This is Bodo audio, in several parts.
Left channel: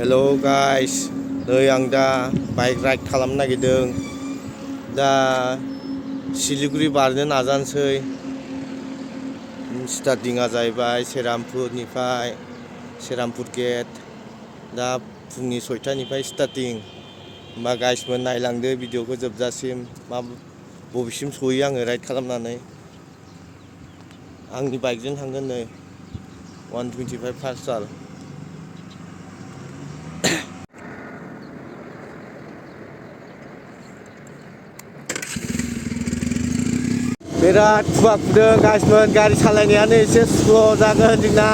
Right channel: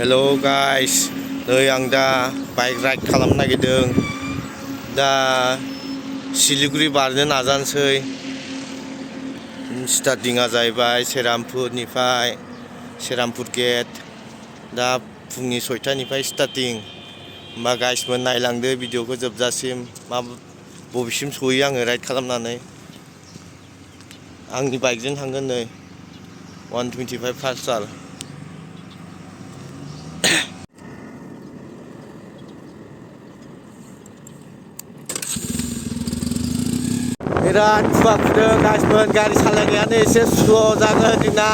Hello guys, नै आं दा बाइक राइड खालामनो नागिरदों। दा सिलिगुरि बारनो नाजानोसै। स्टार्टिंआ जाहैबाय सेरामपुरनिफ्राय सेरामपुर गेट। दा फुंनि 6टानिफ्राय स्टार्टिं। होमबा गाइसमोन नायलांदो भिडिअखौ जोबजासिम बबेसिम सहैयो आङो राइड खालामनानै। आंनि बाइकजों थांगोन नै 125 पालसार। बिराद खुवा खुदों गाइसमोन, गारि सालायनायानो एसे स्ल' जागोन जोंना।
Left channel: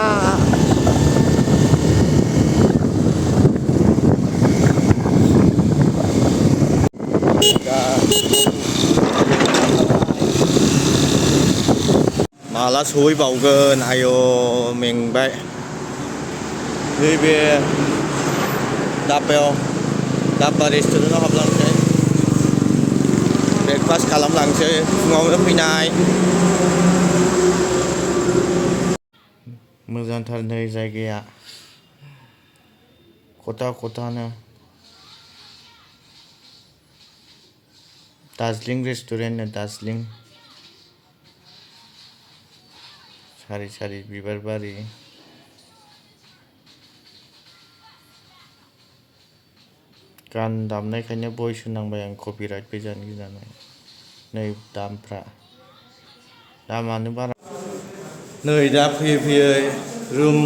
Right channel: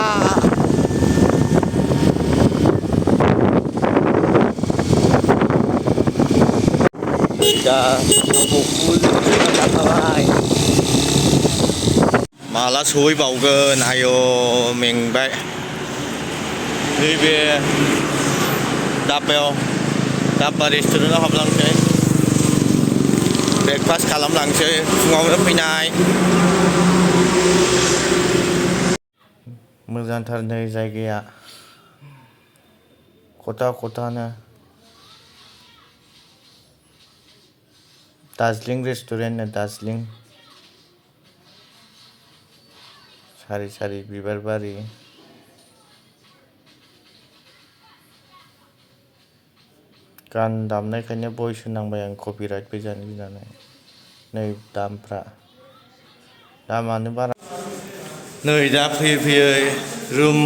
दा माला सहैबावगोन, आय' मेंबाय। नैबे दाब्बा रेस्टुरेन्टआव हाबलांसै, ब्रेकफास्ट खालामलांसै फुङावनो फैनाय। मोजांथार नै जायगाया, खथानो। दार्जिलिं रेस्टुरेन्ट, दार्जिलिं। सारि सारि बिबार बारि। गान दामनायखायनो भइस होनांबाय आं, कपिराइट फैजानो गिनानै। नै दामानो बारा। नै दा फैयै फैयै रुम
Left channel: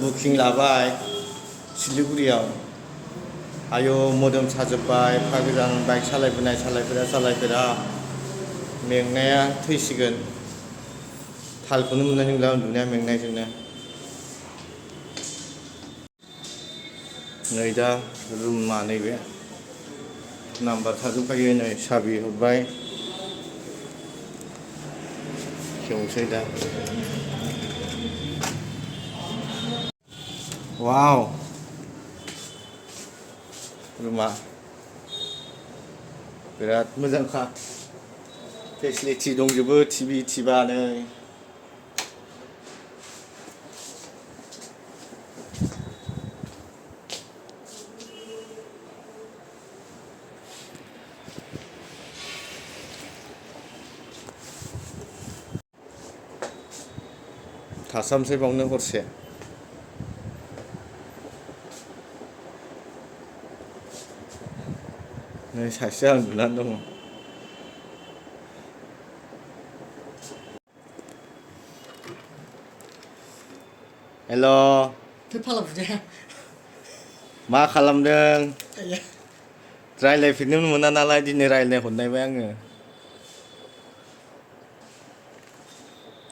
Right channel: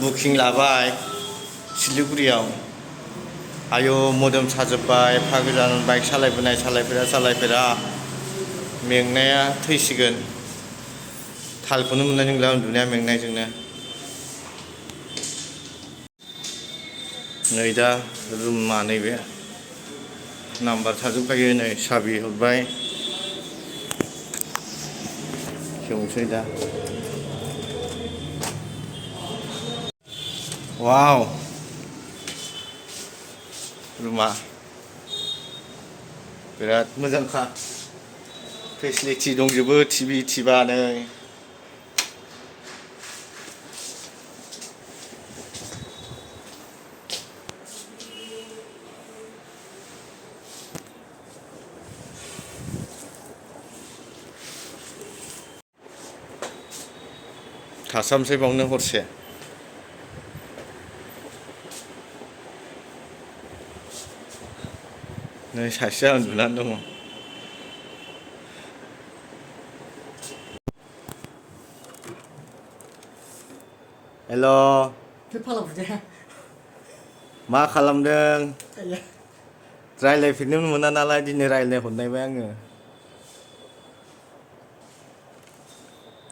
बुकिं लाबाय सिलिगुरियाव। आयौ मोदोम साजोब्बाय, एफा गोजान बाइक सालायफेरा मेंनाया थैसिगोन। थालखौनो मोननाय नंला उन्दुनाया मेंनायजोंनो। नै दा रुमा नैबे नाम्बार थाजोबखायो, नै साबि हरबाय। खेवसै दा। वाव, रुमा बिराद मोजांखा, फेसिलिटि दंजोबो, टिभि नै। थासामसै बावनो हरसे। नै सासेया उन्दुनानै दङ। हेल', मा खालामदों? रायज्लायफेरनो मोना नालाय दिनै रायज्लाय हरनायबाय आङो।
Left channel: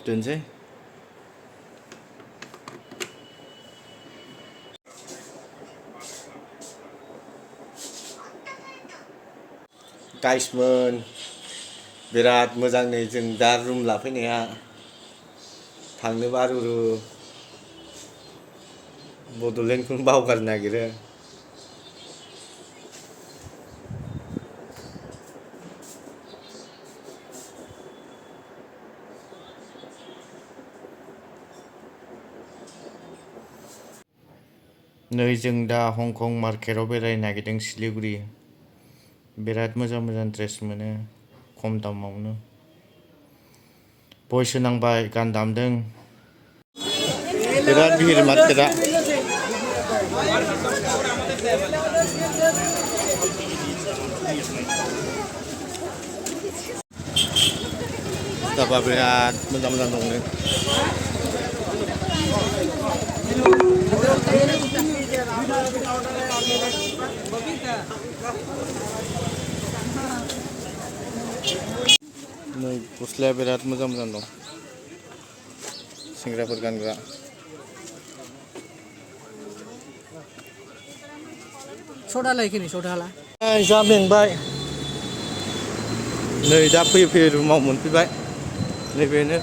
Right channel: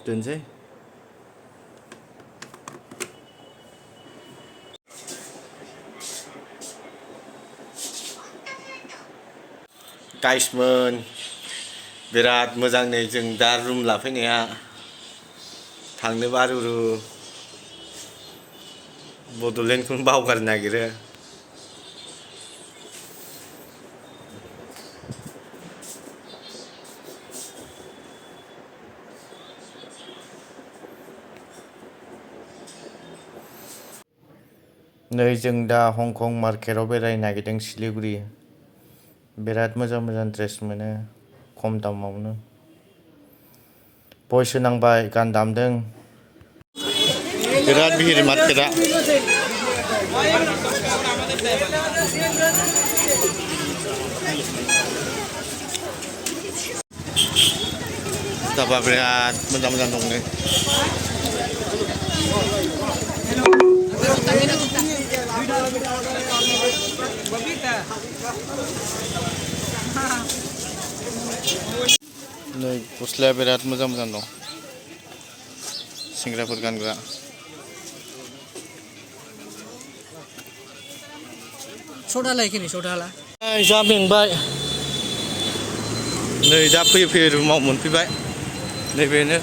दोनसै। गाइसमोन बिराद मोजां नै जों दा रुम लाफैनाया। थांनो बारुरु बड'लेण्डखौनो बावगारनो नागिरो। नै जों दा हंकं मार्केटआव बेरायनो नागिरदों सिलिगुरि। बिराद मोजां ड्रेस मोनो खम दामावनो। भइस होनांबाय, गान दामदों। बिराद भिर मार्केटआ। जुथाफ्रा बिराद मोजां दङ। नै गस्लाया बिराद मोजां दं, सेंग्राफोर गानग्रा। जा मेंबाय। नै दा फैयै रुमाव मोनफैबाय। नैबेनो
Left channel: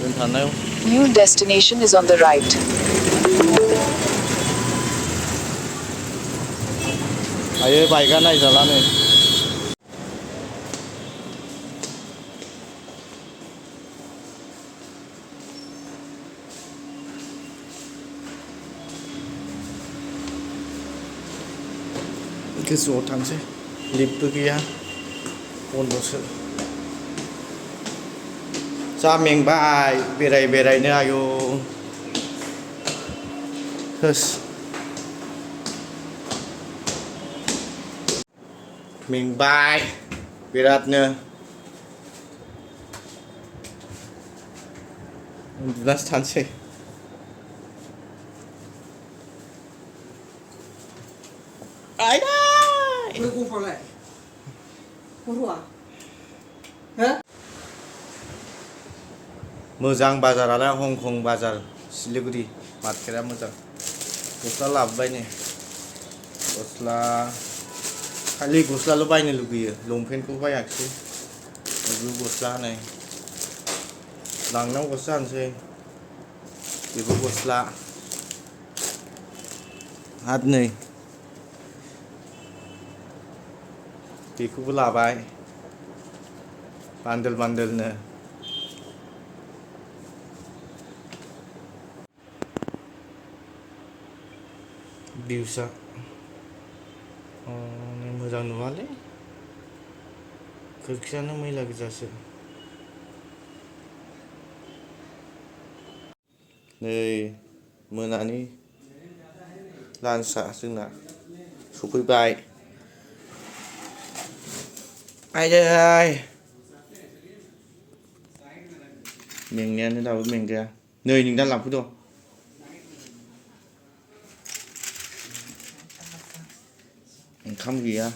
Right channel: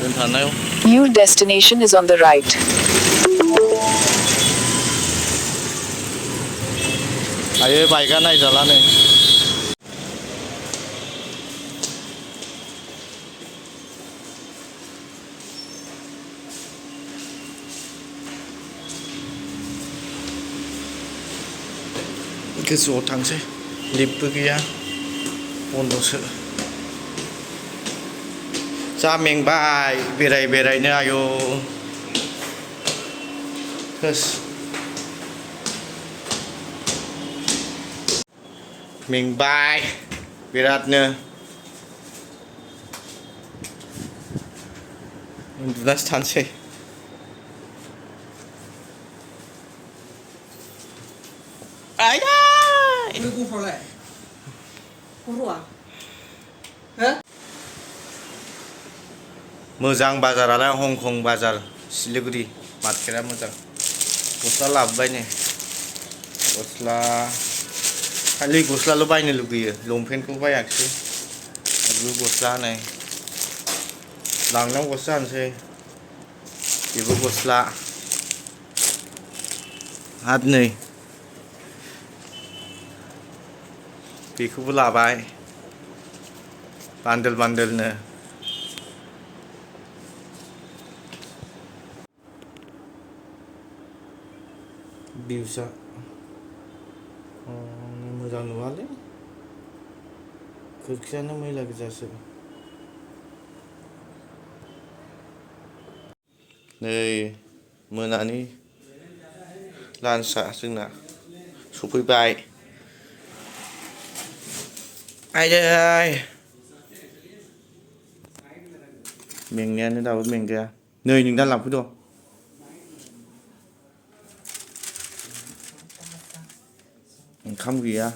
दोनथानायाव। New destination is on the right. आयो बाइकआ नायजाला नै। गोजौआव थांसै लिफ्टबो गैया बन्द'सो जा मेंबाय बेरायनो आयौ होस मेंबाय बिरादनो उन्दुनासो थानोसै आया 没工夫嘞，工夫啊？哎， मोजां बाजारालाय हंकं बाजार सिलिगुरि मार्केटआ मोजां गस्ला लाबोबाय नै गस्ला खालि गस्लाल' बायनो लुगैयो लंपेन्टखौ बायाखिसै बेबो गस्ला नै लांनांगौसो जानोसै बेबो गस्ला आरो नै बेखौबो लाबाय बान्डोलनो भिउसा मोजां नुवालै खोरखियानो मैला गोजासो नै मोनानि लान्चआ जोंना सफैबाय आयै मेंनायानो दाबो मेंगाया नै नोंदा लांफैद' ओंखाम गैया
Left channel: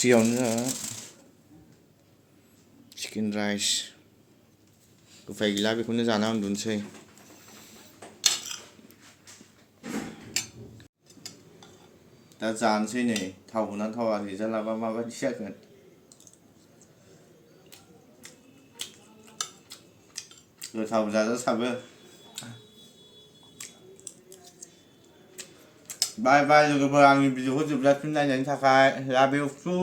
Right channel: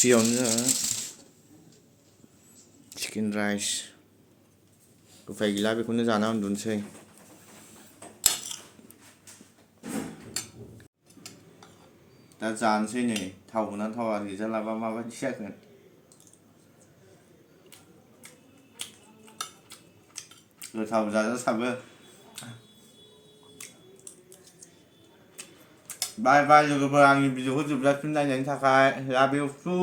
फ्रियावनो चिकेन राइस उफाय गैला बेखौनो जाना उन्दुनोसै दा जानोसै नै थाव थावा रिजाल्टआबा माबायदि जागोन गोथाव जाजासाबो बाय लोगोफोर आंनि भिडिअखौ जोबजासिम नायनायनि थाखाय लाभ इउ टु